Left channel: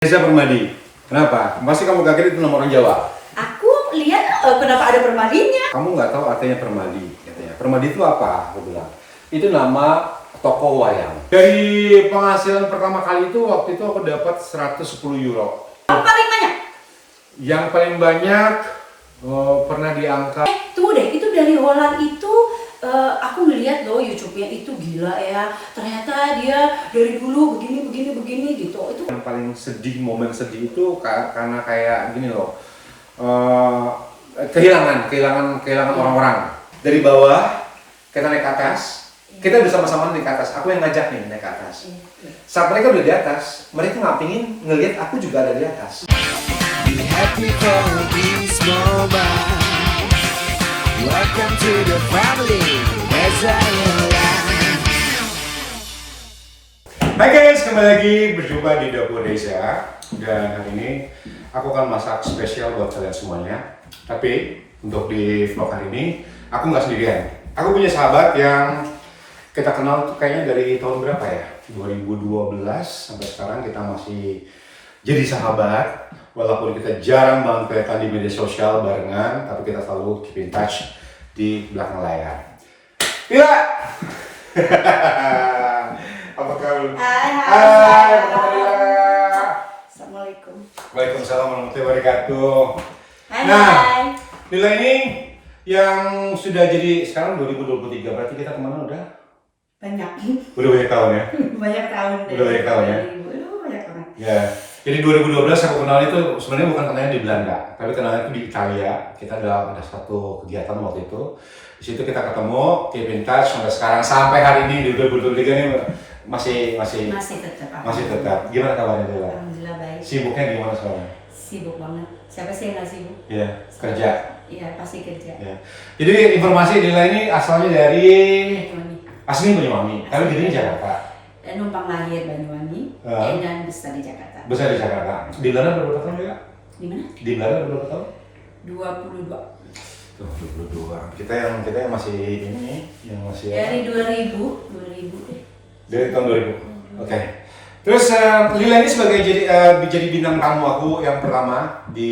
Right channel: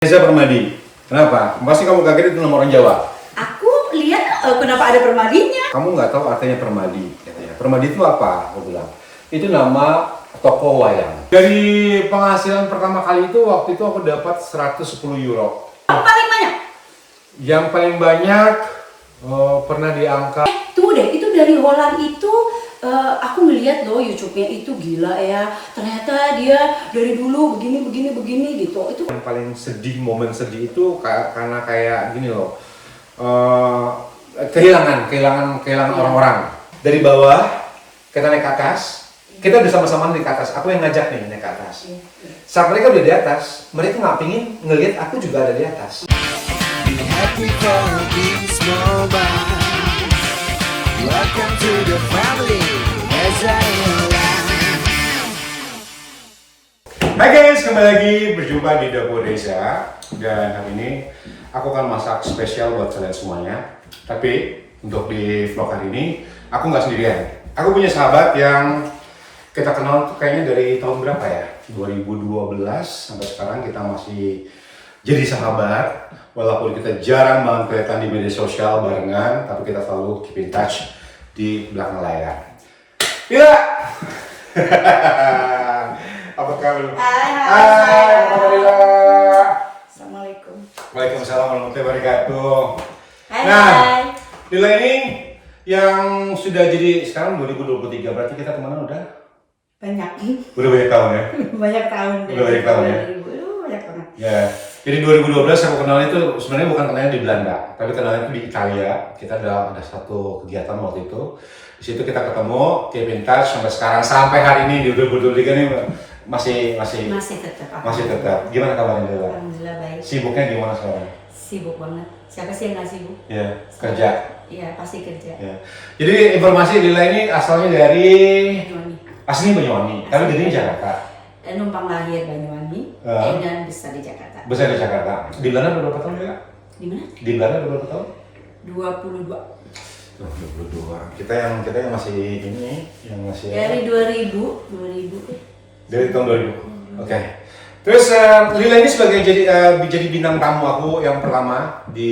Reza Permadi. Kenapa? Pasti kamu kaget itu nama orang Jawa. Aku lihat kenapa ada permadinya. Kamu nggak tahu artinya Permadi. Katanya. Permadi itu apa? Aku bilang. Itu nama toko wayang. Dari penghasilan pertama kali itu, waktu itu aku dapat 110 euro. Yang paling banyak? Yang paling banyak pernah di angka. Tunggu deh, itu dari Holland itu aku ngeliat loh YouTube-nya itu gila ya. Ternyata dia dari dulu begini gitu. Itu Yang paling sedih, momen sedih itu karena kayak gini loh. Kehilangan orang-orang. Dari bawah kita naik ke atas. Kita udah sama-sama naik ke atas. Aku yang ngajak nih naik ke atas. Saat mereka udah di atas, mereka nggak pingin ngelihat aku juga ada di atas. Be happy for this moment. Welcome to the family, Reza Hilang. Hai guys, kembali lagi berjumpa di Dapur Reza. Dan hari ini aku akan masak spesial buat kalian semuanya. Tapi untuk di vlog hari ini aku nggak sendirian. Aku punya sahabat yang kita kenal tuh kayaknya dari tahun berapa ya? 2012 sampai sekarang kita masih jadi sahabat. Walaupun kita jarang banget kelihatan di media sosial barengan, tapi kita selalu keep in touch di belakang layar. Lila! Apa kabar? Hai, apa kabar Lila? Assalamualaikum. Waalaikumsalam warahmatullahi wabarakatuh. Hai. Nah, Lila ini yang sudah jadi sekarang 2023, berarti kita temenan udah Banyak. banyak tahun ya? Banyak tahun. Udah banyak tahun ya? Banyak orang. Ya, jadi 2012 aku kenalnya itu sebenarnya bukan kenalnya di Belanda, tapi kenalnya itu di Italia. Kita ada satu kegiatan waktu itu. Di situ kita ketemu, keep in touch sampai sekarang, sampai hari ini di 2023 ini masih tetap. Gimana kabarnya Lila? Alhamdulillah baik. Sibuknya gimana sekarang? Sibuk banget. Siapa sih yang nggak sibuk? Ya, kerja. Iya pasti kerja. Ya. Jadi informasi Lila ini asalnya dari Banyuwangi. aslinya Banyuwangi, tapi gedenya Jakarta. Dan numpang lahir Banyuwangi dan besar di Jakarta. Besar di Jakarta. Di Belanda berapa tahun Lila? Di mana? Di belanda berapa tahun? 22. Tuh, 22. Kita yang masih ini, yang masih Dari 2000 deh. dari tahun 2000. Oke. Terus Lila ini sebagai jadi bintang tamu aku yang pertama di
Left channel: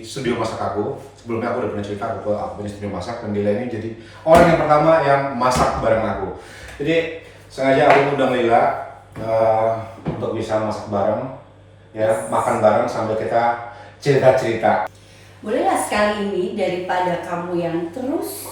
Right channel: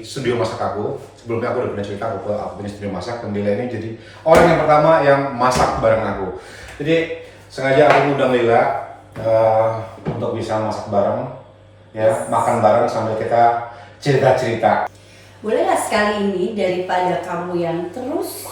studio masak aku. Sebelumnya aku udah pernah cerita aku punya studio masak, dan Lila ini jadi orang yang pertama yang masak bareng aku. Jadi sengaja aku undang Lila untuk bisa masak bareng, ya, makan bareng sambil kita cerita-cerita. Bolehlah sekali ini daripada kamu yang terus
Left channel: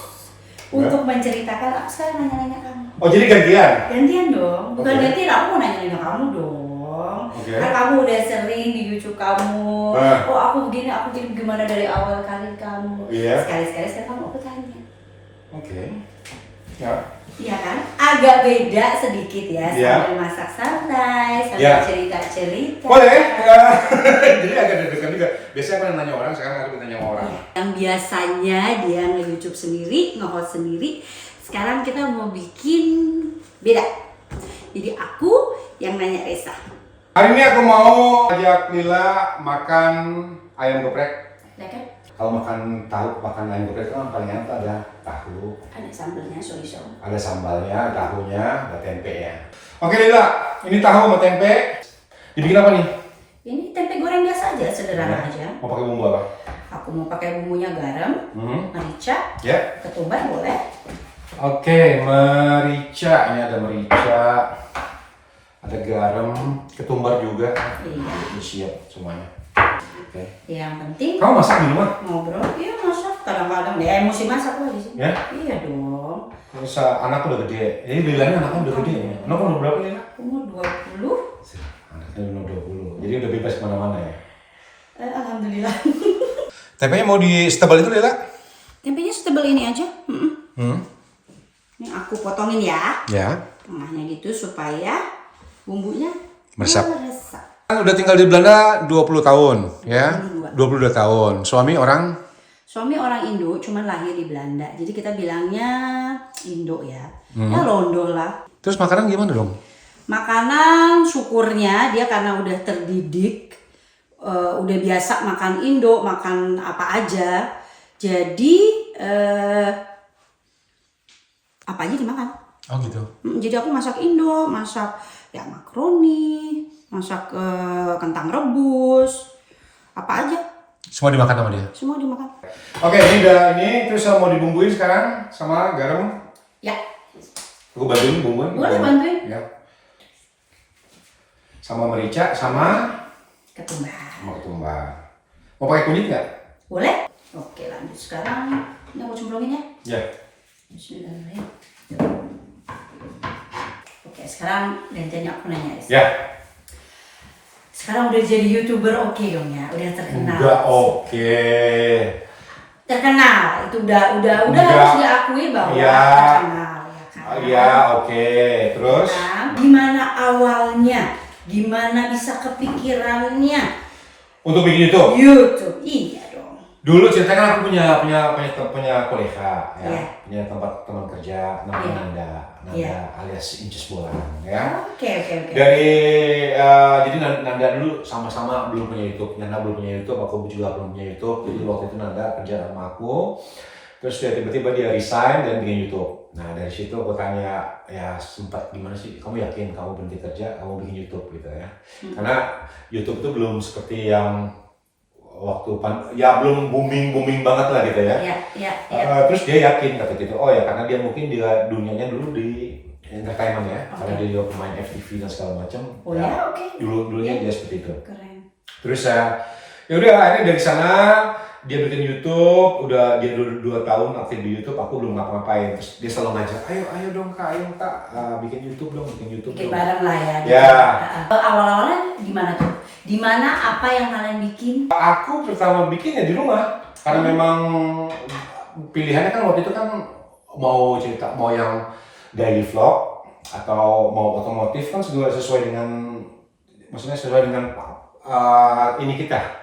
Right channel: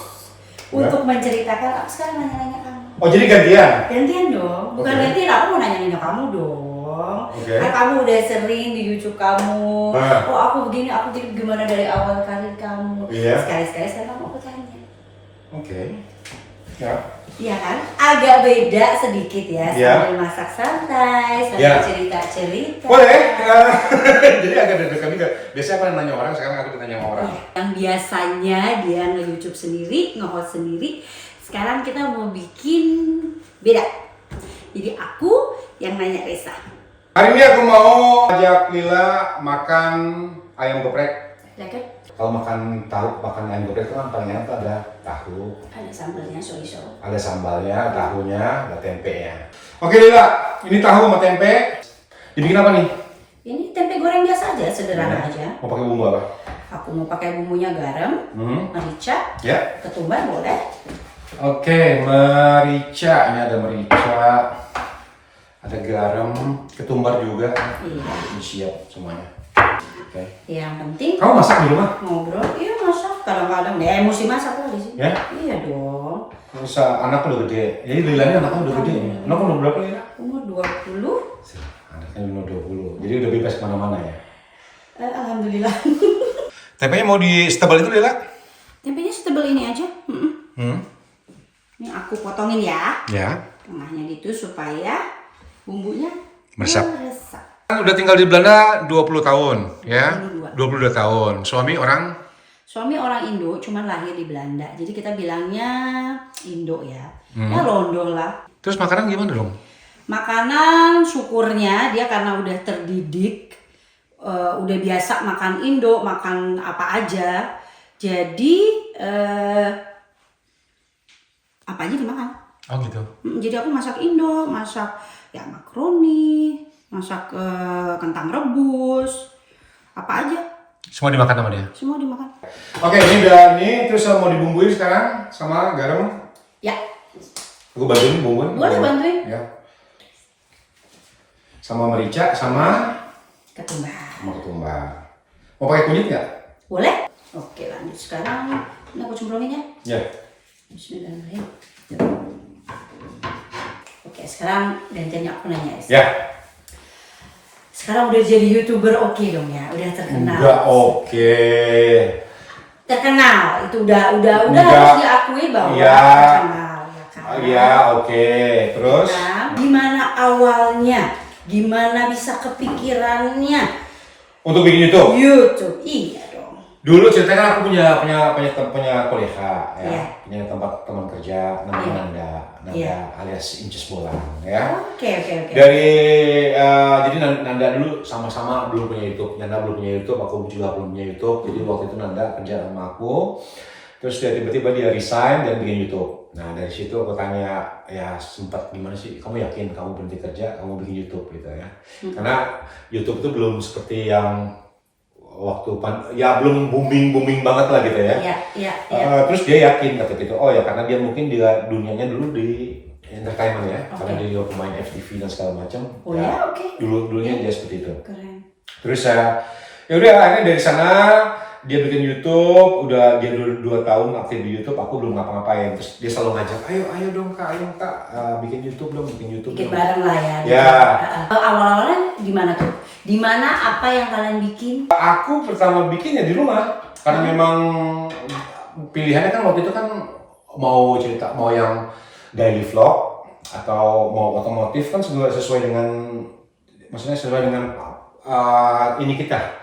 untuk menceritakan, aku sekarang nanya-nanya kamu. Oh, jadi gantian? Gantian dong, bukan Oke. gantian, aku mau nanya-nanya kamu dong. Oke. Kan kamu udah sering di YouTube kamu. Oh aku begini, gimana dari awal karir kamu. Iya. Sekali-sekali sekarang kamu aku tanya. Oke. Ya. Iya kan? Agak beda sedikit ya, Iya. sambil masak santai, sambil Iya. cerita-cerita. Boleh. Jadi agak deg-degan juga. Biasanya aku nanya orang, sekarang aku nanya sama orang. Yang biasanya dia nge-YouTube sendiri, nge-host sendiri, sekarang kita mau bikin beda. Jadi aku yang nanya Reza. Hari ini aku mau ajak Lila makan ayam geprek. Ya kan? Kalau makan ayam geprek itu kan paling enak tuh ada tahu, Ada sambelnya, soy-soy. ada sambalnya, tahunya, ada tempenya. Oke Lila, ini tahu sama tempe. Dibikin apa nih? Ini tempe goreng biasa aja, sederhana aja. Mau pakai bumbu apa? Aku mau pakai bumbunya garam, merica, Ya. ketumbar boleh. Oke, merica. Ini ada merica, ada garam, ketumbar juga. Iya. Ini siap semuanya. Oke. Yang penting Kamu masak di rumah? ngobrol, iya masak. Kadang-kadang ya emosi masak lagi sih. Ya? Iya dong. Terus anak udah gede. Jadi Lila ini anaknya udah gede ya. Anak umur berapa ya? Umur 20. Anaknya umur 20. Jadi udah bebas kemana-mana ya. Alhamdulillah. Tempenya mau di setebal itu Lila? Tempenya setebal ini aja. Ini aku potongin ya. Ya. Tengahnya gitu supaya bumbunya Meresap. meresap. Udah tinggal di Belanda 20 tahun ya. 22. 22 tahun. Suami orang? Suami orang Indo, cuman lahir di Belanda. Jadi kita bilangnya Indo ya. Ya Londo lah. Terus makanan gimana dong? Makanan syukurnya dia karena udah terdidik, udah biasa makan Indo, makan apa aja. Jadi apa aja dimakan. Oh gitu. Jadi aku masak Indo, masak ya makaroni, masak kentang rebus, apa aja. Semua dimakan sama dia. Semua dimakan. Oke, ini udah ini terus mau dibumbuin sekarang sama garam. Ya. Aku bantuin bumbuin. Boleh bantuin. Ya. Sama merica sama ketumbar. Mau pakai kunyit nggak? Boleh. Oke, lanjut sekarang. Ini aku cemplungin ya. Ya. Bismillahirrahmanirrahim. Oke, sekarang gantian aku nanya. Ya. Sekarang udah jadi YouTuber oke dong ya, udah terkenal. Udah oke. Terkenal, itu udah harus diakui bahwa Iya. terkenal. Iya, oke. Terus? Nah, gimana awalnya? Gimana bisa kepikirannya? Untuk bikin YouTube? YouTube, iya dong. Dulu ceritanya kan aku punya kolega ya, Iya. punya tempat teman kerja namanya Iya. Nanda Iya. alias Inces Bolan ya. Oke. Dari jadi Nanda dulu sama-sama belum punya YouTube, Nanda belum punya YouTube, aku juga belum punya YouTube. Jadi waktu itu Nanda kerja sama aku, terus dia tiba-tiba dia resign dan bikin YouTube. Nah dari situ aku tanya ya sempat gimana sih, kamu yakin kamu berhenti kerja, kamu bikin YouTube gitu ya? Karena YouTube itu belum seperti yang waktu belum booming banget lah gitu ya. Iya. Terus dia yakin kata gitu, oh ya karena dia mungkin dia dunianya dulu di entertainment ya, karena dia juga pemain FTV dan segala macam. Oh ya, oke. Dulunya dia seperti itu. Keren. Terus ya udah akhirnya dari sana dia bikin YouTube, udah dia 2 tahun aktif di YouTube, aku belum ngapa-ngapain. Terus dia selalu ngajak, ayo dong kak, bikin YouTube dong. Bikin bareng lah ya. Ya. Awal-awalnya gimana tuh? Di mana apa yang kalian bikin? Aku pertama bikin ya di rumah, karena memang pilihannya kan waktu itu kan mau cerita, mau yang daily vlog atau mau otomotif kan sesuai dengan, maksudnya sesuai dengan ini kita.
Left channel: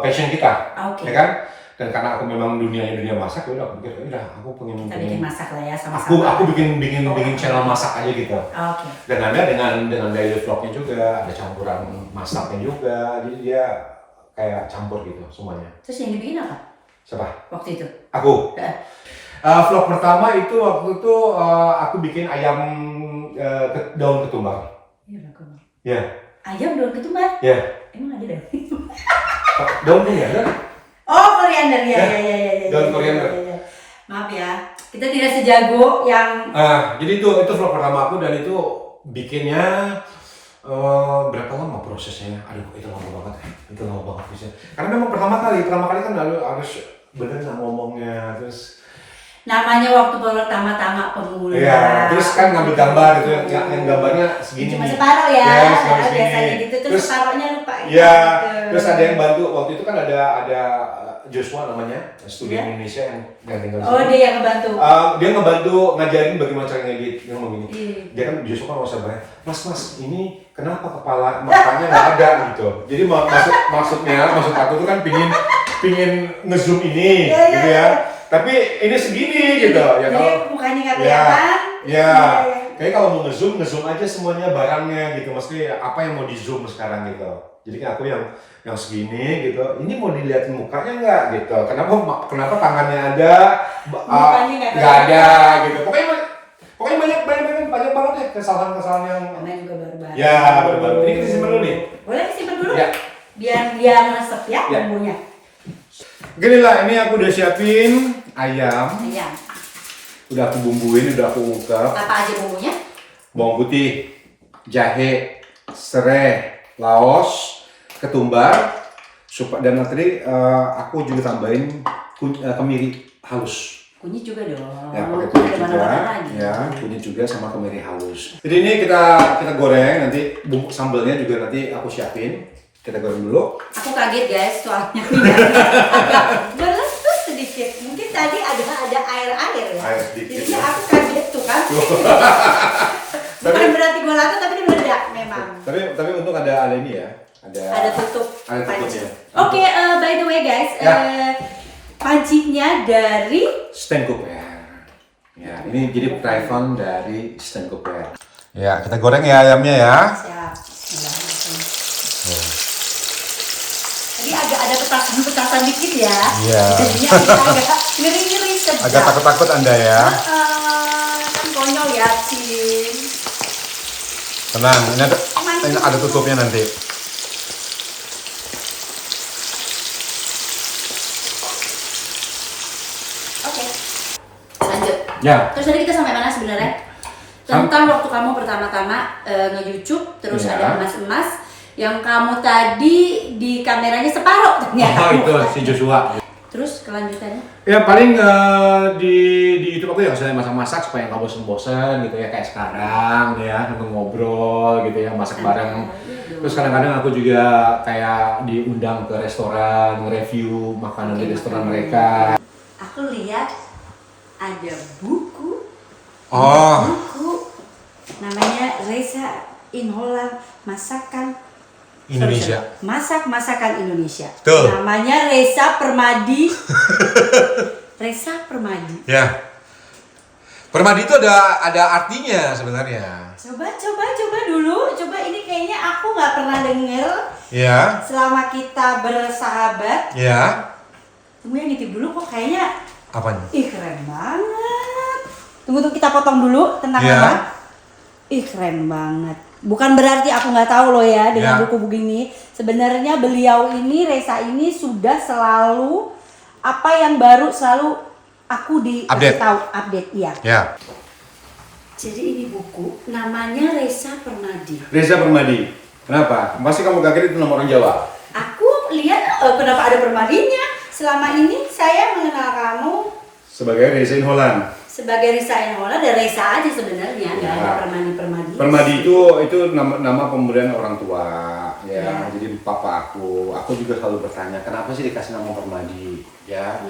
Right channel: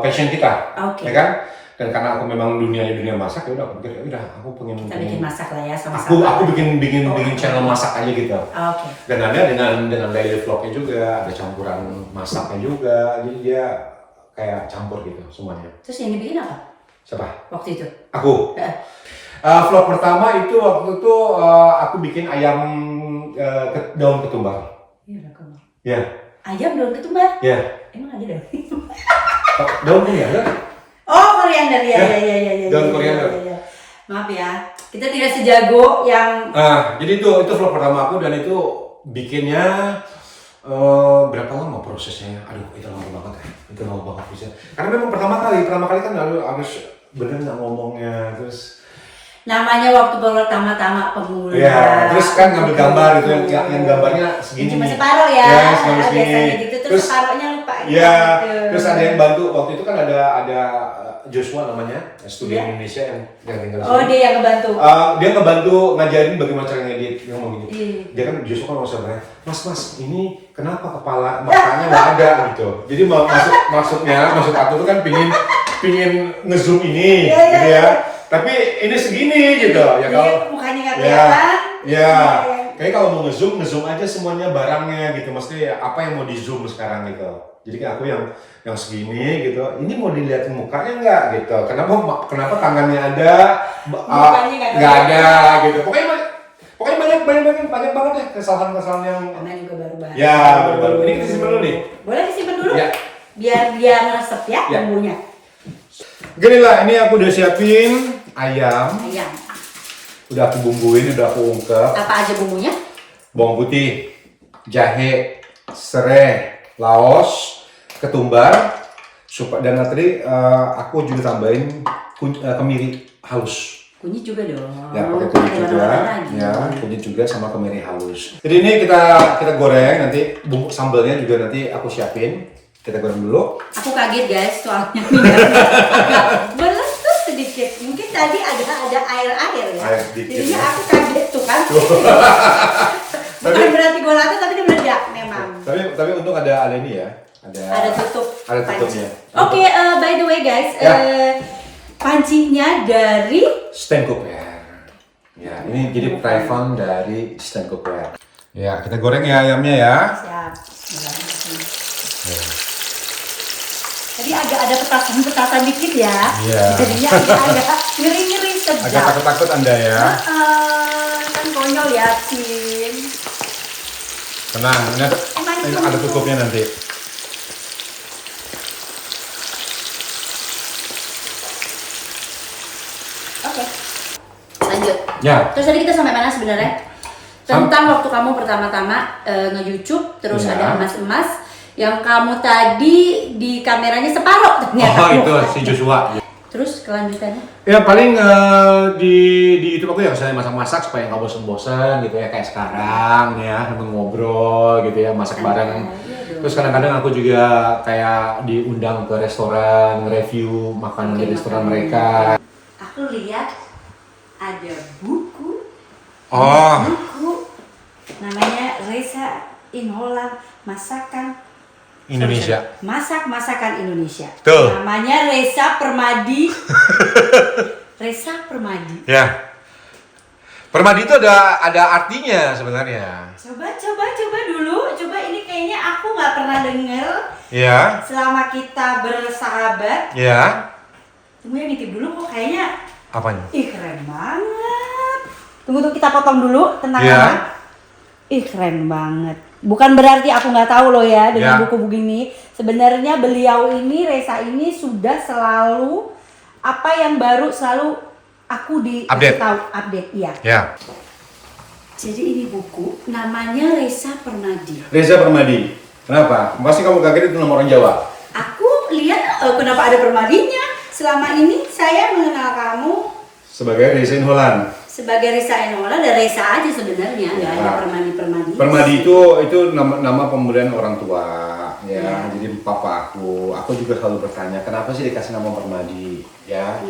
Passion kita, Okay. ya kan? Dan karena aku memang dunia masak, ya udah aku pikir, ya udah aku pengen Kita bikin masak lah ya sama-sama. aku bikin channel masak aja gitu. Oke. Dan ada dengan daily vlognya juga, ada campuran masaknya juga, jadi dia kayak campur gitu semuanya. Terus yang dibikin apa? Siapa? Waktu itu? Aku. Vlog pertama itu waktu itu aku bikin ayam daun ketumbar. Iya, kemana? Ya. Ayam daun ketumbar? Ya. Emang ada daun? Daun koriander. Oh, koriander ya. Daun koriander. Ya. Maaf ya, kita tidak sejago yang. Jadi itu vlog pertama aku dan itu bikinnya berapa lama prosesnya? Aduh, itu lama banget ya. Itu lama banget bisa. Karena memang pertama kali kan lalu harus bener nggak ngomongnya, terus Namanya waktu pertama-tama pemula. ya, terus kan ngambil gambar gitu yang gambarnya segini Cuma nih. separuh ya. Ya, gambar segini. Biasanya gitu terus separuhnya lupa. Ya, gitu. terus ada yang bantu waktu itu kan ada Joshua namanya, studi Ya. Indonesia yang tinggal di Oh, sini. dia yang ngebantu. Dia ngebantu ngajarin bagaimana cara ngedit yang begini. Iya. Dia kan Joshua kan masa banyak, mas ini kenapa kepala matanya nggak ada gitu. Jadi maksud aku tuh kan pingin ngezoom ini, Iya, gitu ya. Tapi ini segini gitu ya kalau. Jadi mukanya nggak kelihatan. Ya. Kayak kalau mau ngezoom aja semuanya barangnya gitu. Maksudnya apa yang mau di zoom sekarang gitu. Jadi kan aku yang segini gitu. Ini mau dilihatin mukanya nggak gitu. Kenapa tangannya ada, Mukanya nggak ada gitu. Pokoknya banyak banget ya kesalahan yang. Namanya juga baru-baru. Ya baru-baru. Ini kita simpan dulu nih. Boleh disimpan dulu? Ya. Biar resep ya Ya. bumbunya. Gini lah, ini aku udah siapin ayam. Ayam. Udah aku bumbuin, udah aku ungkep. Apa aja bumbunya? Bawang putih, jahe, serai, laos, ketumbar, dan tadi aku juga tambahin kemiri halus. Kunyit juga dong. Ya pakai kunyit Ada juga, mana-mana lagi. ya kunyit juga sama kemiri halus. Jadi ini kita goreng, nanti bumbu sambalnya juga nanti aku siapin. Kita goreng dulu. Aku kaget guys, soalnya minyaknya agak meletus sedikit. Mungkin tadi ada air-air ya. Air sedikit, Jadinya ya. aku kaget tuh kan. Bukan berarti golato tapi dia meledak memang. Tapi untung ada ini ya. Ada tutup. Ada panci. tutupnya. Oke, by the way guys, Ya. pancinya dari Stand cookware. Ya, ini jadi private dari stand cookware. Ya, kita goreng ya ayamnya ya. siap. Jadi ada petasan dikit ya. Iya. Jadinya agak ngeri-ngeri sedap. Agak takut-takut Anda ya. Kan konyol ya, Cin. Tenang, ini ada Emang Ada tutupnya nanti. Oke. Lanjut. Ya. Terus tadi kita sampai mana sebenarnya? Tentang waktu kamu pertama-tama nge-YouTube, terus Ya. ada emas-emas yang kamu tadi di kameranya separuh ternyata. Oh itu si Joshua. Terus kelanjutannya? Ya paling di YouTube aku yang saya masak-masak supaya nggak bosan-bosan gitu ya, kayak sekarang ya, sambil ngobrol gitu ya, masak bareng. Terus kadang-kadang aku juga kayak diundang ke restoran, nge-review makanan di restoran mereka. Aku lihat ada buku. Oh. Buku namanya Reza in Holland Masakan Indonesia. Masakan Indonesia. Betul. Namanya Reza Permadi. Reza Permadi. Ya. Permadi itu ada artinya sebenarnya. Coba dulu. Coba ini kayaknya aku nggak pernah denger Ya. selama kita bersahabat. Ya. Tunggu ya, nitip dulu kok kayaknya. Apanya? Ih keren banget. Tunggu kita potong dulu tentang Ya. apa? Ih keren banget. Bukan berarti aku nggak tahu loh ya dengan Ya. buku begini. Sebenarnya beliau ini, Reza ini sudah selalu apa yang baru selalu aku Update. tahu update iya. Ya. Jadi ini buku namanya Reza Permadi. Reza Permadi. Kenapa? Pasti kamu kaget itu nama orang Jawa. Aku lihat kenapa ada Permadinya. Selama ini saya mengenal kamu Sebagai Reza in Holland. sebagai Reza Enola dan Reza aja sebenarnya, nggak ada Permadi. Permadi itu nama pemberian orang tua ya. Ya. Jadi papa aku juga selalu bertanya kenapa sih dikasih nama Permadi ya.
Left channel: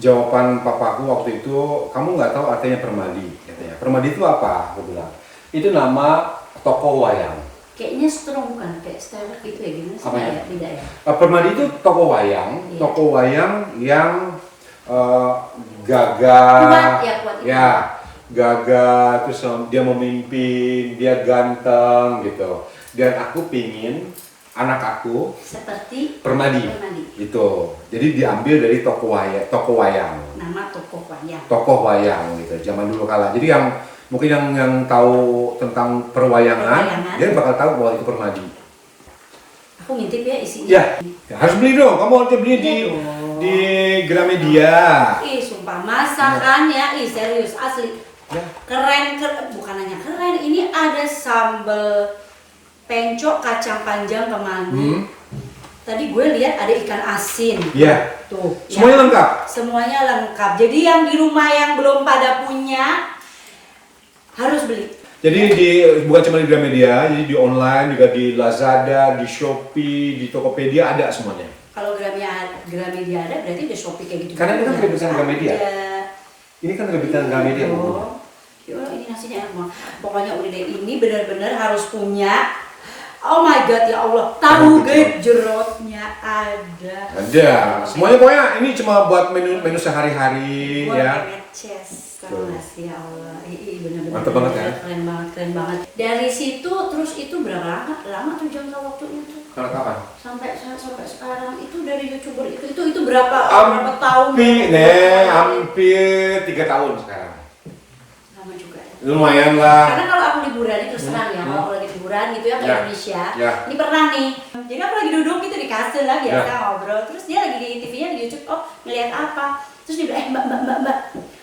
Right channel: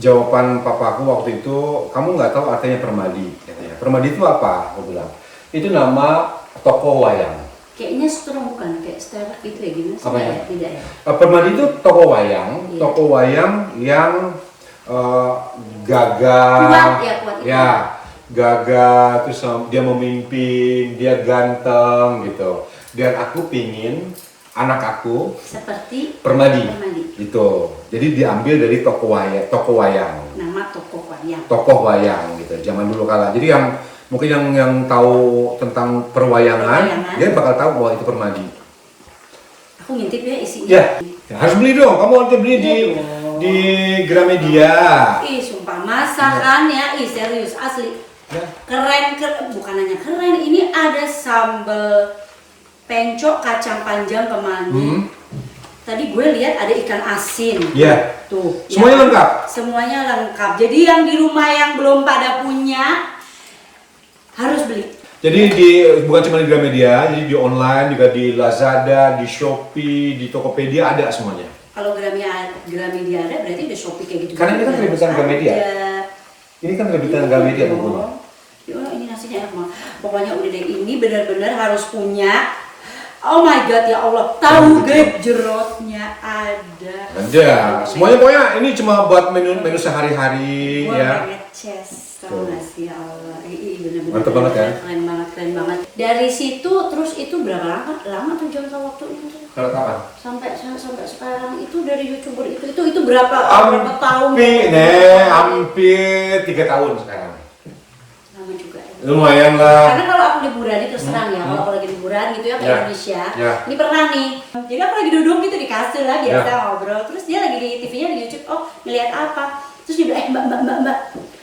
Jawaban papa aku waktu itu, kamu nggak tahu artinya Permadi katanya. Permadi itu apa? Aku bilang itu nama toko wayang. Kayaknya strong bukan kayak Stella gitu ya, gimana sih? Apanya? Tidak ya. Permadi itu toko wayang, Iya. toko wayang yang gagah, Kuat itu. ya gagah, terus dia memimpin, dia ganteng gitu. Dan aku pingin anak aku Seperti Permadi, Permadi. gitu. Jadi diambil dari toko wayang, Nama toko wayang. tokoh wayang gitu. Zaman dulu kala. Jadi yang mungkin yang tahu tentang perwayangan, dia bakal tahu bahwa itu Permadi. Aku ngintip ya isinya. Ya, harus beli dong. Kamu harus beli di Gramedia. Ih, sumpah masakan ya. Ih, serius asli. Ya. Keren, bukan hanya keren. Ini ada sambal pencok kacang panjang kemangi. Tadi gue lihat ada ikan asin. Ya. Tuh. Semuanya ya. lengkap. Semuanya lengkap. Jadi yang di rumah yang belum pada punya harus beli. Jadi bukan cuma di Gramedia, jadi di online juga di Lazada, di Shopee, di Tokopedia ada semuanya. Kalau Gramedia ada berarti udah Shopee kayak gitu. Karena ini kan rebutan Gramedia. Ada. Ini kan rebutan Gramedia bukan? Ya Allah, ini nasinya enak banget. Pokoknya udah deh, ini benar-benar harus punya. Oh my god ya Allah, tahu gejrotnya ada. Ada. Semuanya pokoknya ini cuma buat menu sehari-hari Gue ya. pengen chest, tau gak sih ya Allah. Bener-bener Mantep banget ya. keren banget. Dari situ terus itu berapa lama tuh jangka waktunya tuh? Kalau kapan? Sampai sekarang itu dari YouTuber itu berapa tahun? Hampir 3 tahun sekarang. Lama juga ya. Lumayan lah. Karena kalau aku liburan ini terus terang ya, kalau aku lagi liburan gitu ya ke Ya. Indonesia, Ya. ini pernah nih. Jadi aku lagi duduk gitu di kasur lah biasa Ya. ngobrol, terus dia lagi di TV-nya di YouTube, oh ngeliat apa? Terus dia bilang, mbak,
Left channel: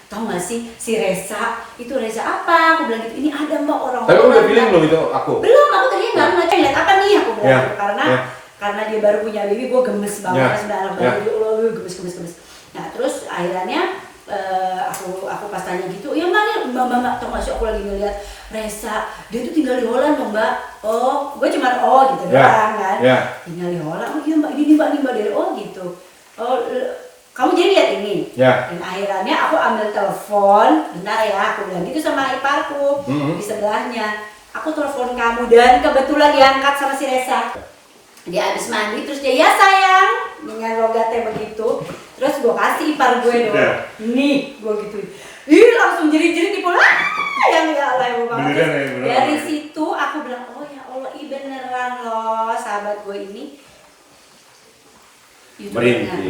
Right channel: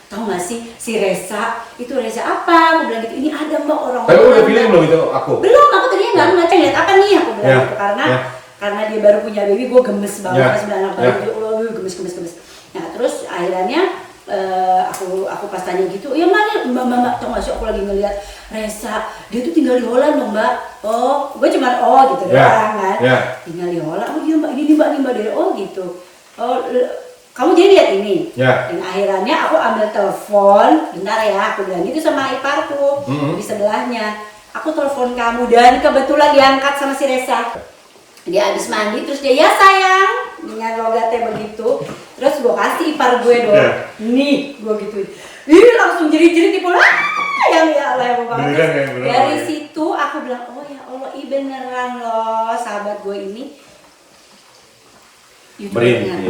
tahu nggak sih si Reza itu Reza apa? Aku bilang gitu, ini ada mbak orang. Tapi udah pilih belum itu aku? Belum, aku tadinya nggak ngaca lihat apa nih aku bilang Ya. gitu karena Ya. karena dia baru punya baby, gue gemes banget Ya. pas anak Ya. baru, Allah gemes. Nah terus akhirnya aku pas tanya gitu, ya mbak, tau gak sih aku lagi ngeliat Reza, dia tuh tinggal di Holland loh mbak. Oh, gue cuma gitu Ya. doang kan. Ya. Tinggal di Holland, oh iya mbak, ini mbak dari gitu. Oh, kamu jadi lihat ini. Ya. Dan akhirnya aku ambil telepon, bentar ya, aku bilang gitu sama iparku di sebelahnya. Aku telepon kamu dan kebetulan diangkat sama si Reza. Dia habis mandi terus dia ya sayang dengan logatnya begitu. Terus gue kasih ipar gue dong. Ya. Nih, gue gituin. Ih, langsung jerit-jerit di pola. Yang ya Allah ya banget. Beneran ya, beneran. Dari situ aku bilang, "Oh ya Allah, beneran loh sahabat gue ini." YouTubernya.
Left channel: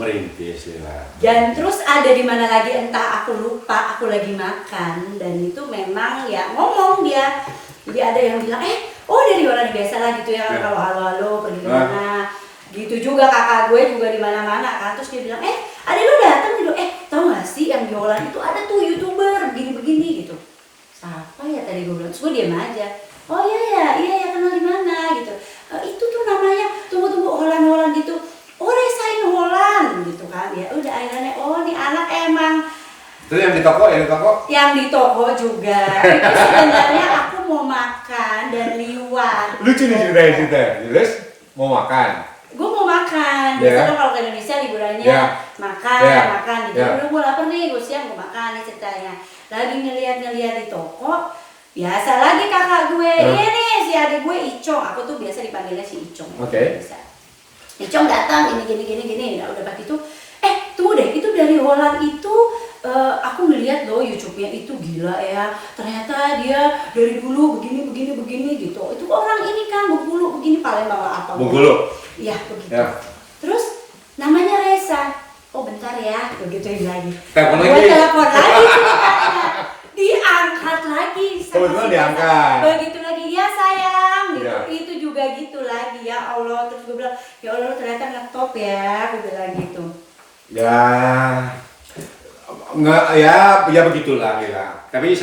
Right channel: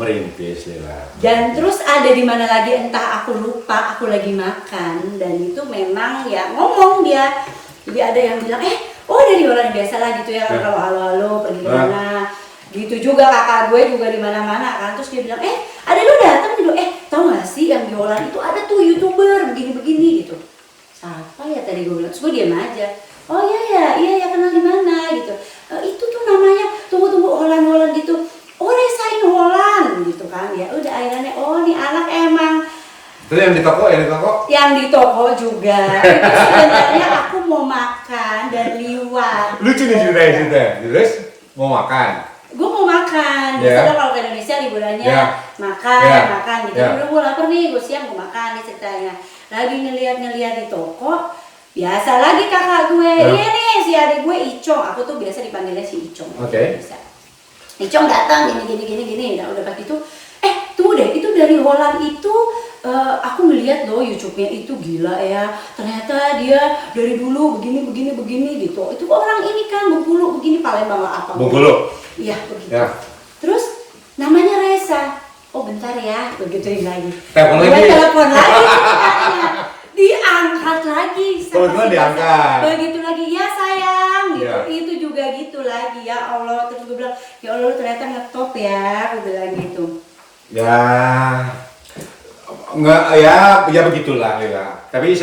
Merintis ya. Dan terus ada di mana lagi entah aku lupa, aku lagi makan dan itu memang ya ngomong dia. Jadi ada yang bilang, oh dari orang biasa lah gitu ya, kalau halo pergi kemana. Gitu juga kakak gue juga di mana-mana kan. Terus dia bilang, ada lu datang gitu. Tau gak sih yang di Holland itu ada tuh YouTuber begini-begini gitu. Siapa ya tadi gue bilang, terus gue diam aja. Oh iya kenal di mana gitu. Itu tuh namanya tunggu Holland gitu. Oh Resa in Holland gitu kan. Ya udah akhirnya nih anak emang. Terus yang di toko? Yang di toko juga. Itu sebenarnya aku mau makan dan liwat. Lucu nih ceritanya. Terus mau makan. Gue mau makan, biasa dong kalau ke Indonesia liburannya makan gitu. Udah gue lapar nih, gue siap gue makan nih ceritanya. Lagi ngeliat di toko, biasa lagi kakak gue, iya nih si adik gue Icong, aku tuh biasa dipanggilnya si Icong. Oke. Icong datang gini, udah pas gitu, tunggu deh, itu dari Holland itu aku ngeliat loh YouTube-nya itu gila ya, ternyata dia dari dulu begini gitu. Itu orang ini kan Bengkulu begini, Palembang lah apa? Bengkulu. Iya begitu. Ya. Terus namanya Resa. Oh bentar ya, begituin lagi. Telepon Gua lagi. telepon lagi ceritanya. Diangkat lagi Telepon diangkat. Begitu lagi, ya sayang gitu. Ya. Itu juga gitu lagi, ya Allah. Terus gue bilang, ya Allah lu ternyata ngetop ya, gue bilang gitu. Ya, nggak ya begitulah ya. Tapi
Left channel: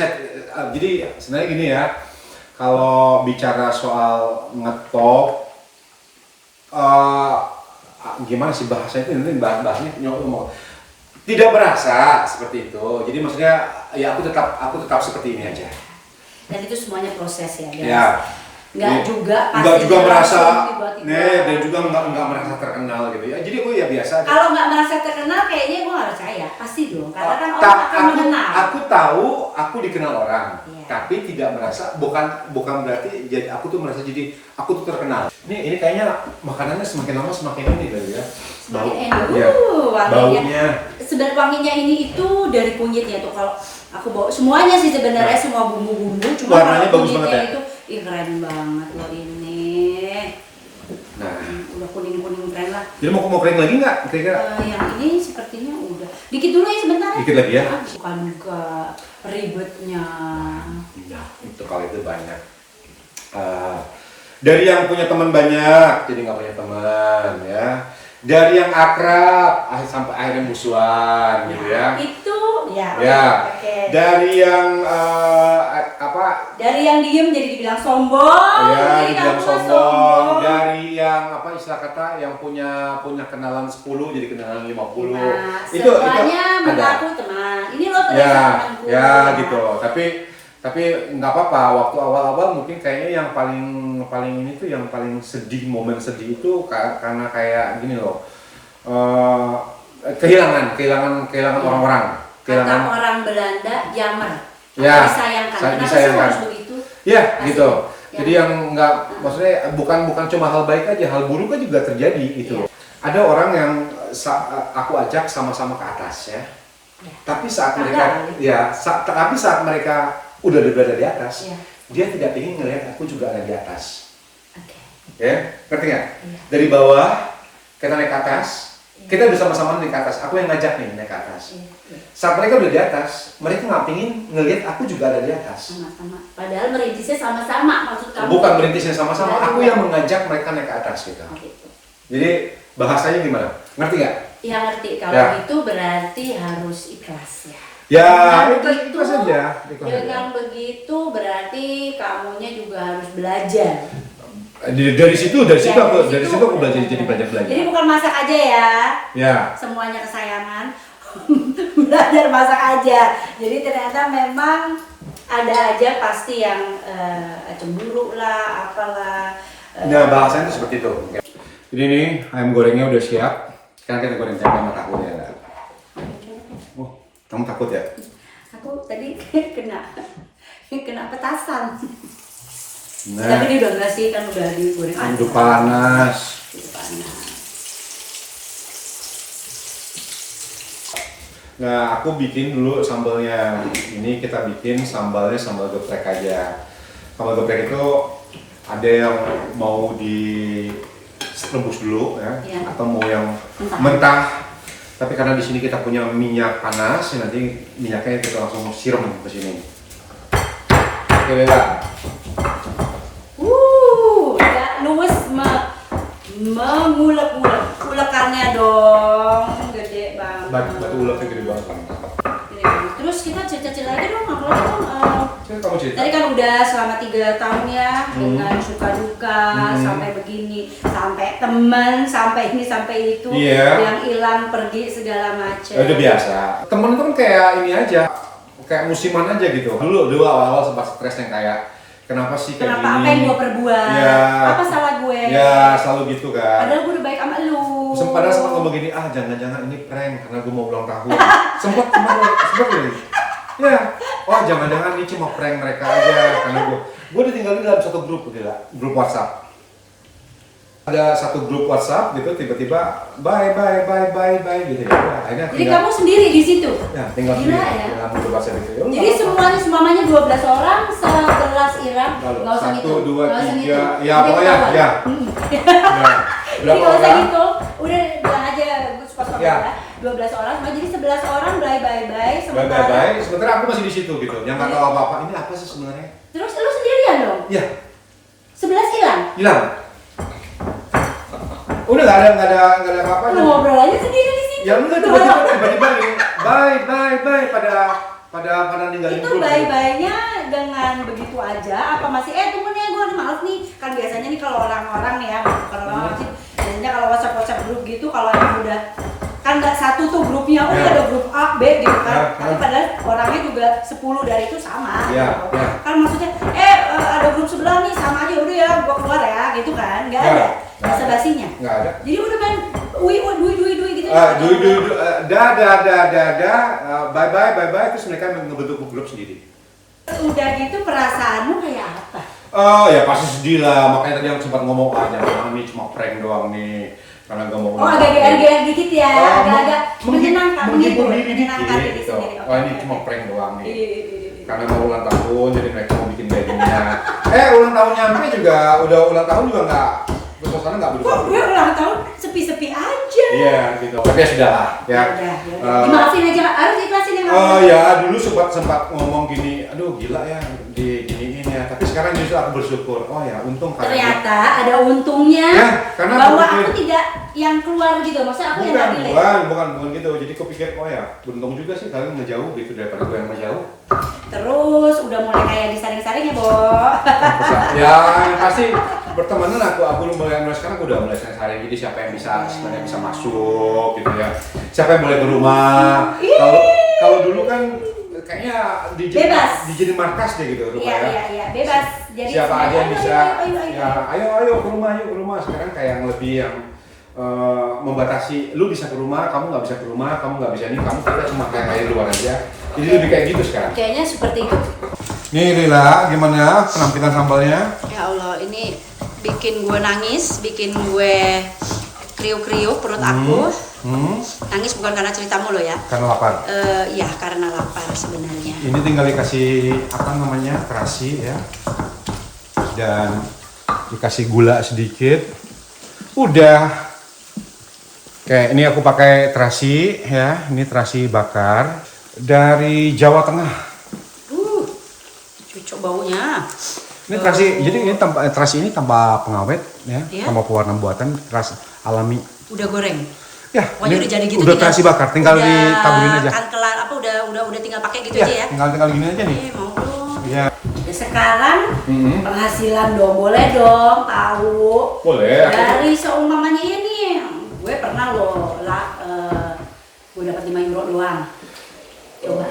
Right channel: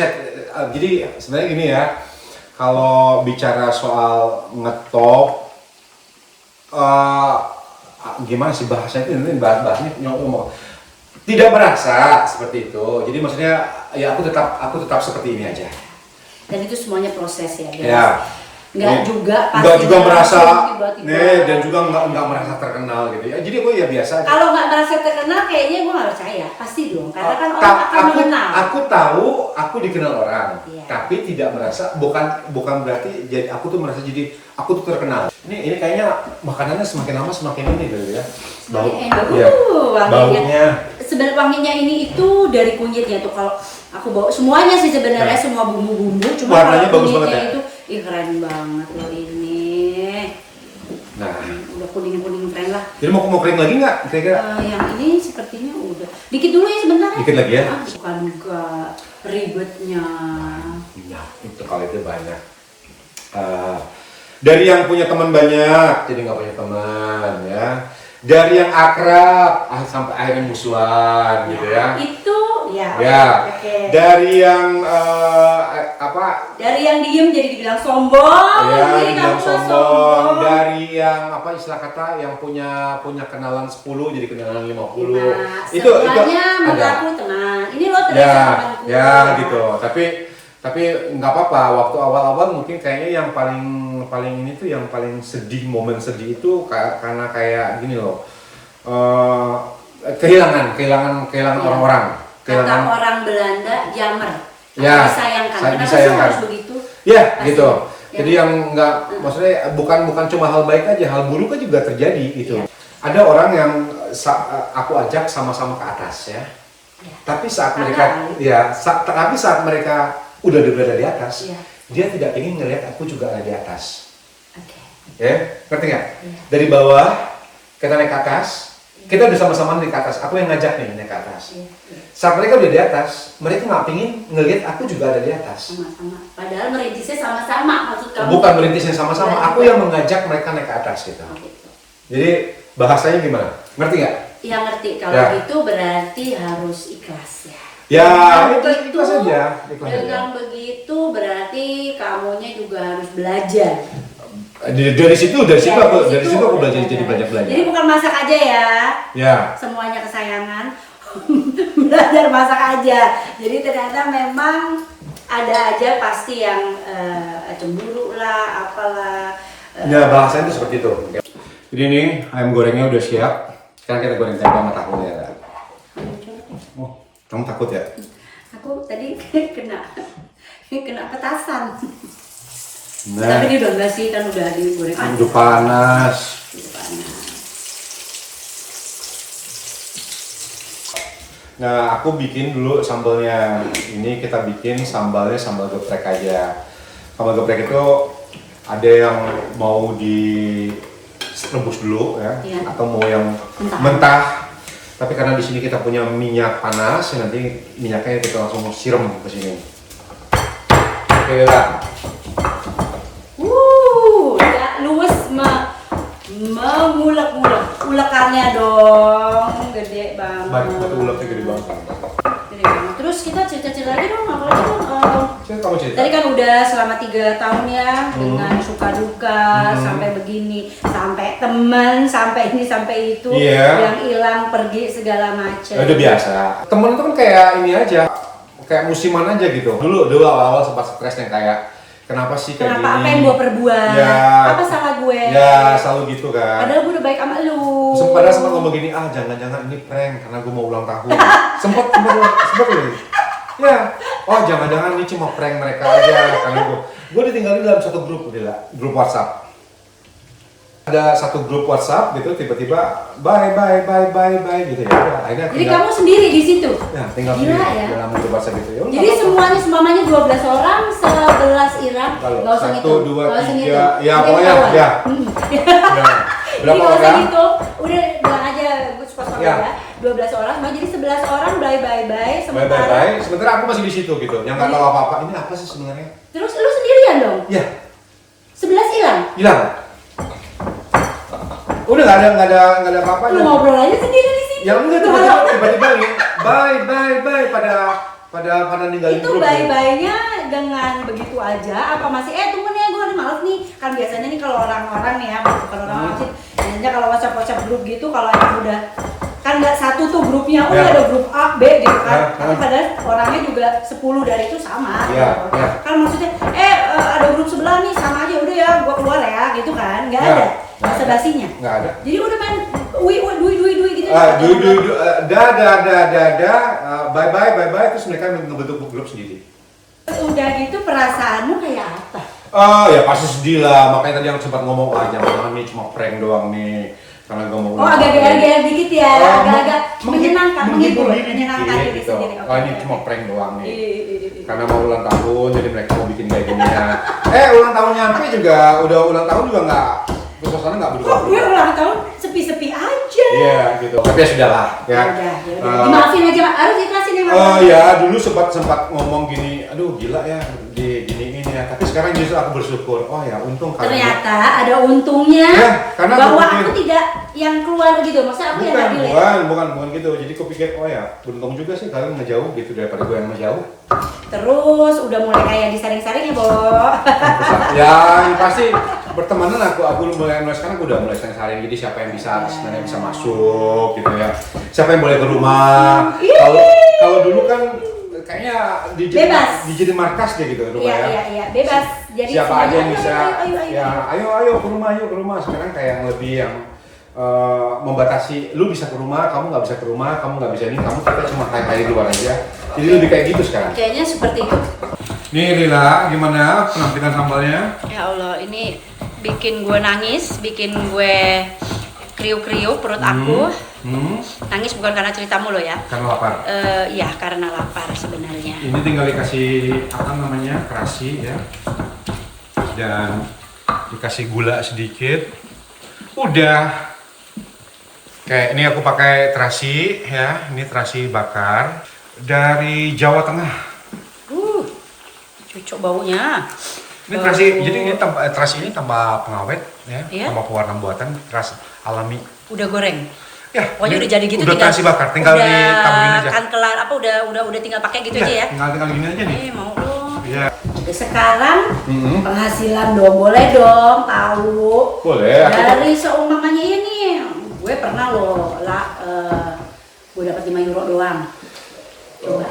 jadi sebenarnya gini ya, kalau bicara soal ngetop, gimana sih bahasanya itu, ini bahasanya tidak berasa seperti itu. Jadi maksudnya ya aku tetap seperti ini aja. Dan itu semuanya proses ya, guys. Ya. Nggak juga pasti nggak juga merasa tiba-tiba. dan juga nggak merasa terkenal gitu ya. Jadi gue ya biasa aja. Kalau nggak merasa terkenal kayaknya gue nggak percaya, pasti dong. Karena kan orang akan mengenal. Aku tahu aku dikenal orang, Iya. tapi tidak merasa, bukan berarti jadi aku tuh merasa jadi aku tuh terkenal. Ini kayaknya makanannya semakin lama semakin ini gitu ya. Baunya. Sebenarnya wanginya ini itu dari kunyitnya tuh. Kalau aku bawa semuanya sih sebenarnya semua bumbu-bumbu, cuma warnanya kalau bagus banget kunyitnya ya? itu keren banget loh ini. Nah, Udah kuning-kuning keren lah. jadi mau kering lagi nggak kira-kira? Yang ini sepertinya udah. Dikit dulu ya sebentar. Dikit lagi ya? Bukan juga ribetnya. Nah, itu kalau itu banyak. Dari yang punya teman banyak, jadi nggak punya teman ya. Dari yang akrab, sampai akhirnya musuhan gitu ya. Itu ya. Ya. Oke. Dari yang Dari yang diem jadi dibilang sombong. ya, Jadi dibilang kamu sombong. Dari yang istilah kata yang punya kenalan 10 jadi kenalan 50. Nah, itu semuanya ada. mengaku teman. Ini lo ternyata Ya, temanku. ya gitu. Tapi nggak apa-apa. Waktu awal-awal mungkin kayaknya yang paling ini tuh yang paling sedih, momen sedih itu karena kayak gini loh. Kehilangan orang-orang. Kata orang Belanda, jammer. Ya, disayangkan. Kenapa sih disayangkan. harus begitu? Ya, Pasti. gitu. Ya. Jadi yang nggak, maksudnya bukan cuma hal baik aja, hal buruk kan juga terjadi gitu. Ada orang yang aku ajak sama-sama ke atas ya. Tapi saat mereka udah berada di atas, dia tidak ingin ngelihat aku juga ada di atas. Oke. Ya, ngerti nggak? Iya. Dari bawah kita naik ke atas, kita udah sama-sama naik ke atas. Aku yang ngajak nih naik ke atas. Iya. Saat mereka udah di atas, mereka nggak ingin ngelihat aku juga ada di atas. Sama-sama. Padahal merintisnya sama-sama maksud kamu. Bukan merintisnya sama-sama, Ya, aku yang mengajak mereka naik ke atas gitu. Oh, gitu. Jadi bahasanya gimana? Ngerti nggak? Ya ngerti. Kalau Ya. gitu berarti harus ikhlas ya. Ya, Dengan itu ikhlas aja. Dengan begitu berarti kamunya juga harus belajar. Dari situ Ya, aku belajar jadi banyak belajar. Jadi bukan masak aja ya. Ya. Semuanya kesayangan. Belajar masak aja. Jadi ternyata memang ada aja pasti yang cemburu lah, apalah. Ya, bahasanya itu seperti itu. Jadi ini ayam gorengnya udah siap. Sekarang kita goreng tempe sama tahu ya. Oh, kamu takut ya? Aku tadi kena petasan. Nah, Tapi ini udah enggak sih, kan udah digoreng aja. udah panas. Udah panas. Nah, aku bikin dulu sambalnya. Ini kita bikin sambalnya sambal geprek aja. Sambal geprek itu ada yang mau di rebus dulu ya, Iya. atau mau yang Mentah. mentah. Tapi karena di sini kita punya minyak panas, nanti minyaknya kita langsung siram ke sini. Oke lah. Ya luwes mengulek-ulek. Ulekannya dong, gede banget. Batu uleknya gede banget. Gede banget. Terus kita cerita-cerita lagi dong, apalagi dong. Kamu cerita. Tadi kan udah selama 3 tahun ya, dengan suka duka, sampai begini, sampai temen, sampai ini, sampai itu, Iya. yang hilang, pergi, segala macam. Ya, udah biasa. Temen tuh kan kayak ini aja, kayak musiman aja gitu. Dulu awal-awal sempat stres yang kayak kenapa sih kayak Kenapa, gini? apa yang gue perbuat? Ya. Apa salah gue? Ya selalu gitu kan. Padahal gue udah baik sama lu. Padahal sempat ngomong gini, jangan-jangan ini prank karena gue mau ulang tahun. sempet loh. Ya, jangan-jangan ini cuma prank mereka aja karena gue ditinggalin dalam satu grup grup WhatsApp. Ada satu grup WhatsApp gitu, tiba-tiba bye gitu ya. Akhirnya Jadi kamu sendiri di situ? ya tinggal Gila sendiri ya. dalam grup WhatsApp gitu ya. Jadi semuanya 12 orang, 11 Irak, Kalau nggak usah 1, ngitung. 2, Nggak usah 3, ngitung. ya Nanti pokoknya ketahuan. ya. Nah, Jadi berapa kalau usah orang? ngitung, udah bilang aja suka-suka Ya. ya. 12 orang, semua jadi 11 orang, bye. Sementara, Bye. Sementara aku masih di situ gitu, yang nggak tahu apa-apa. Ini apa sih sebenarnya? terus lu sendirian dong? Ya, 11 hilang? hilang. Udah nggak ada apa-apa. Lu ngobrol aja sendiri di situ. Ya enggak tiba-tiba nih, bye pada ninggalin Itu grup. bye-bye-nya dengan begitu aja apa masih tunggu nih gue males nih, kan biasanya nih kalau orang-orang nih ya, bukan orang-orang sih, biasanya kalau WhatsApp grup gitu kalau emang udah kan nggak satu tuh grupnya, Ya. ada grup A, B gitu kan, Ya, tapi padahal orangnya juga 10 dari itu sama Ya, gitu. ya. Kan maksudnya ada grup sebelah nih sama aja, udah ya gua keluar ya gitu kan, nggak Ya, ada nggak ada. basa-basinya. Nggak ada. Jadi udah main dui gitu. Bye, terus mereka ngebentuk grup sendiri. Udah gitu perasaanmu kayak apa? Ya pasti sedih lah, makanya tadi yang sempat ngomong jangan ini cuma prank doang nih. Karena gue mau Agak-agak dikit ya, agak-agak menyenangkan, menghibur diri menyenangkan diri gitu. sendiri. Ini cuma prank doang nih. Iya. Karena mau ulang tahun, jadi mereka mau bikin kayak gini ya. Ulang tahun nyampe juga, udah ulang tahun juga nggak, suasana nggak Kok berubah. gue ulang tahun sepi-sepi aja? Iya gitu. Tapi ya sudah lah. Ya. Udah. Dimaafin aja, harus ikhlasin ya. Ya dulu sempat ngomong gini, aduh gila ya diginiin ya. Tapi sekarang justru aku bersyukur. Ya untung karena Ternyata ada untungnya Ya, karena bahwa aku aku tidak yang keluar gitu, maksudnya aku yang nggak delay. bukan gitu. Jadi aku pikir ya beruntung juga sih kalian ngejauh gitu daripada gue yang ngejauh. Terus udah mulai kayak disaring-saring ya, Bo. Ya ini pasti pertemanan aku mulai sekarang aku udah mulai saling. Jadi siapa yang bisa sebenarnya bisa masuk gitu ya. Siapa yang boleh ke rumah. Kalau dulu kan kayaknya Bebas. dijadi markas deh gitu rumah ya. Iya, bebas. Jadi Siapa aja yang bisa. Ayo. Ya, ayo ke rumah. Sekarang kayak yang lebih yang membatasi, lu bisa ke rumah, kamu nggak bisa ke rumah, kamu nggak bisa ini, kamu kita cuma kayak di luar aja. Jadi lebih kayak gitu sekarang. Kayaknya seperti itu. Nih Lila, gimana penampilan sambalnya? Ya Allah, ini bikin gue nangis, bikin gue kriuk-kriuk perut aku. Nangis bukan karena ceritamu loh ya. Karena lapar. Ya karena lapar sebenarnya. Ini tinggal dikasih terasi ya, dan dikasih gula sedikit. Udah. Kayak ini aku pakai terasi ya, ini terasi bakar dari Jawa Tengah. Cucuk baunya. Ini terasi, jadi ini terasi ini tanpa pengawet ya, Iya. tanpa pewarna buatan, terasi alami. Udah goreng. Ya, Pokoknya ini udah jadi gitu, udah terasi bakar, tinggal ditaburin aja. Kan kelar apa udah tinggal pakai gitu Ya, aja ya. tinggal gini aja nih. Mau dong. Ya. Sekarang penghasilan dong, boleh dong tahu. Boleh. Dari seumpamanya ini, gue pernah loh gue dapat 5 euro doang. Coba.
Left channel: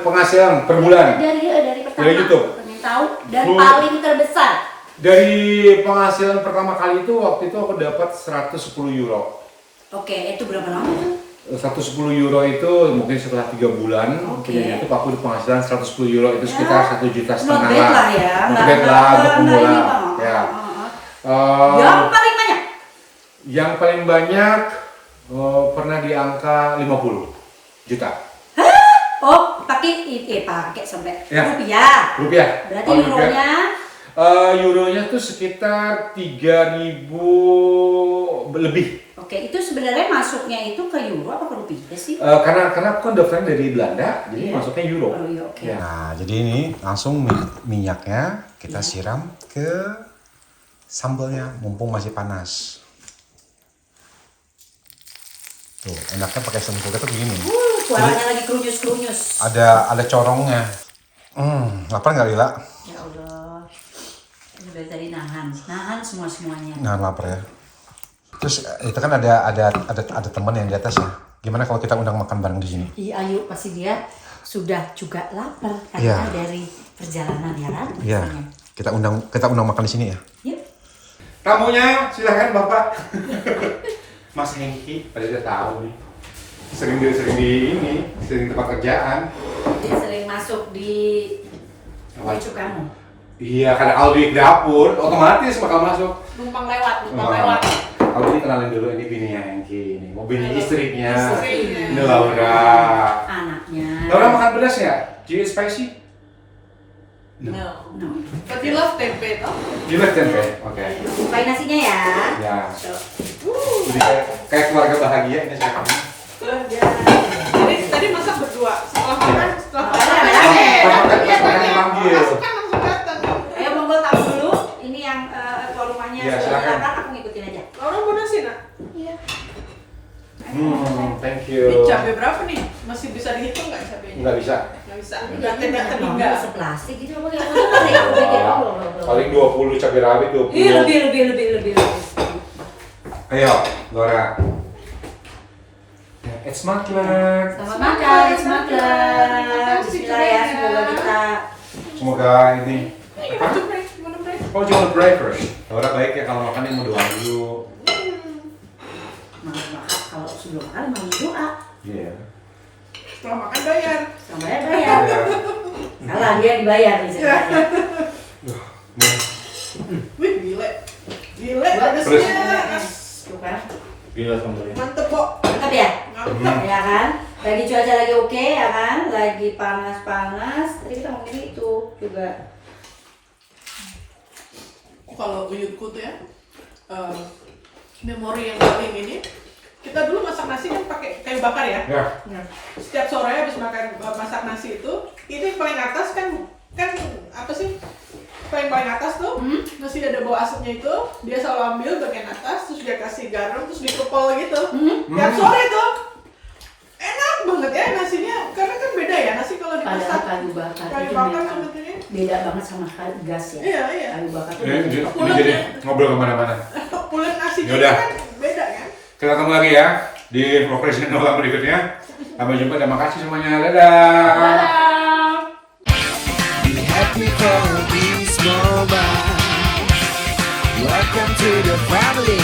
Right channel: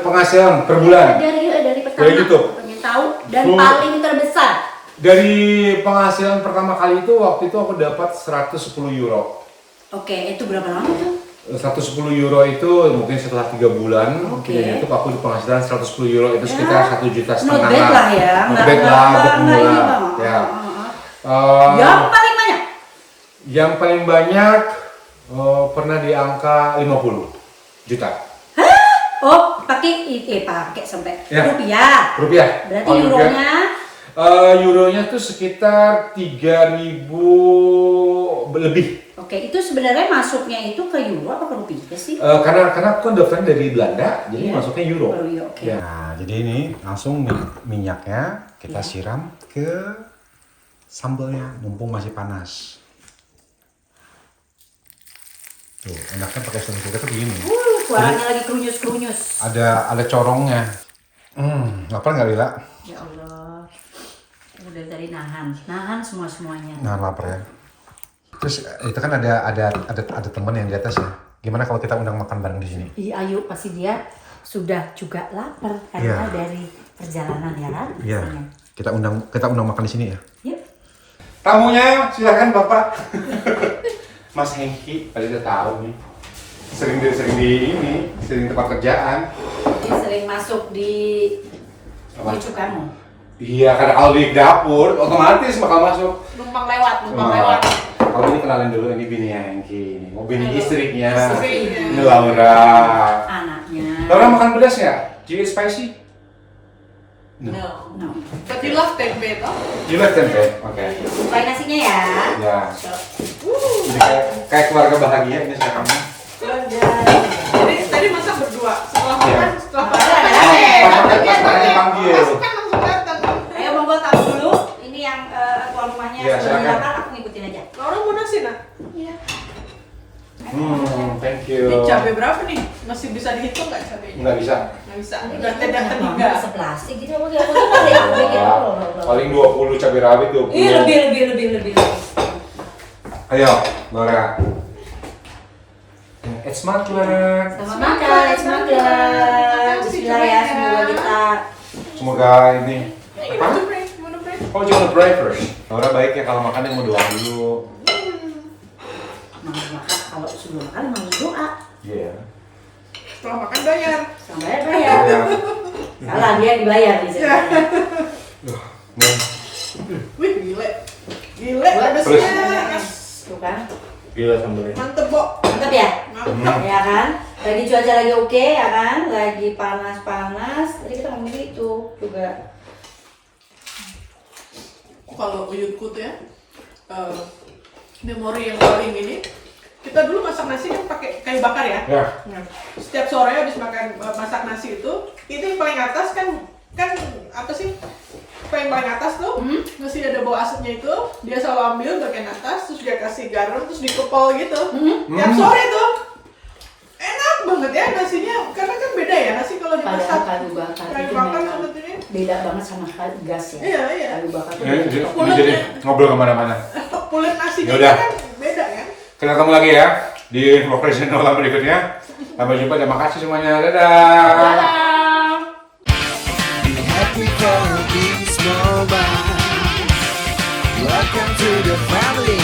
Penghasilan per bulan. Dari pertama. Dari YouTube? Pengen tahu dan Bro. paling terbesar. Dari penghasilan pertama kali itu waktu itu aku dapat 110 euro. Oke, itu berapa lama tuh? 110 euro itu mungkin setelah 3 bulan Oke. punya YouTube aku di penghasilan 110 euro itu sekitar 1,5 juta. Not bad lah ya. Not bad lah untuk pemula. Ya. Yang paling banyak? Yang paling banyak pernah di angka 50 juta. Oh, pakai sampai Ya. rupiah. Rupiah. Berarti Oh, euronya Euronya tuh sekitar 3.000 lebih. Oke, itu sebenarnya masuknya itu ke euro apa ke rupiah sih? Karena aku kan daftarnya dari Belanda, jadi Iya. masuknya euro. Euro, oke. Ya. Nah, jadi ini langsung minyaknya kita siram ke sambalnya, mumpung masih panas. Tuh, enaknya pakai sendok tuh begini. Suaranya lagi kerunyus-kerunyus. Ada corongnya. Lapar nggak Lila? Ya Allah. Ini udah tadi nahan semuanya. Nah, lapar ya. Terus itu kan ada teman yang di atas ya. Gimana kalau kita undang makan bareng di sini? Iya, ayo pasti dia sudah juga lapar Iya. karena dari perjalanan ya kan? Iya. Kita undang makan di sini ya. Yuk. Tamunya silakan Bapak. Mas Hengki, pada udah tahu nih. Sering tempat kerjaan. Dia sering masuk di cucu kamu. Iya, karena kalau di dapur otomatis bakal masuk. Numpang lewat. Kalau ini kenalin dulu, ini bininya Hengki. Ini mobilnya istrinya. Istrinya. Ini Laura. Anaknya. Laura makan pedas ya? Do you eat spicy? No. No. But you love tempe toh? You like tempe? Oke. Bukain nasinya ya. Ya. So, Jadi kayak keluarga bahagia ini sekarang. Tadi masak berdua. Setelah makan, setelah Pas makan dipanggil. masuk kan langsung datang. ayo monggo tamu dulu. Ini yang tuan rumahnya Iya, sudah silakan. datang, aku ngikutin aja. Laura mau nasi nak? Iya. Thank you. Ini cabai berapa nih? Masih bisa dihitung nggak cabainya? Nggak bisa. Nggak bisa. Udah tidak Mama meninggal. seplastik gitu. Oke, oke. Paling 20 cabai rawit 20. Ih, lebih. Ayo, Laura. It's my turn. Selamat makan, semangat. Bismillah ya, semoga kita Semoga ini. You want to pray? You want to pray? Oh, jangan pray first. Laura baiknya kalau makannya mau doa dulu. mau makan. Kalau sebelum makan mau doa. Iya. Setelah makan bayar. Sambalnya bayar. Iya. Salah dia dibayar nih sebenarnya. Wih, gile. Gile, pedasnya. Yes. Tuh kan. Gila sambalnya. Mantep, Bo. Mantap ya? Mantep. Ya kan? Lagi cuaca lagi oke ya kan? Lagi panas-panas. Tadi kita ngomongin itu juga. Kalau uyutku tuh ya, memori yang paling ini, kita dulu masak nasi kan pakai kayu bakar ya. Ya. Nah, setiap sore habis masak nasi itu yang paling atas kan apa sih? Yang paling atas tuh nasi ada bau asetnya itu, dia selalu ambil bagian atas, terus dia kasih garam, terus dikepol gitu. Tiap sore tuh enak banget ya nasinya, karena kan beda ya nasi kalau dimasak Padahal kayu bakar kayu itu bakar memang sama ini. beda banget sama gas ya. Iya, iya. Kayu bakar tuh Jadi, beda. jadi ngobrol kemana-mana. Pulut nasinya Yaudah. kan beda kan. Kita ketemu lagi ya di vlog channel berikutnya. Sampai jumpa, terima kasih semuanya. Dadah. Be happy for this moment. Welcome to the family.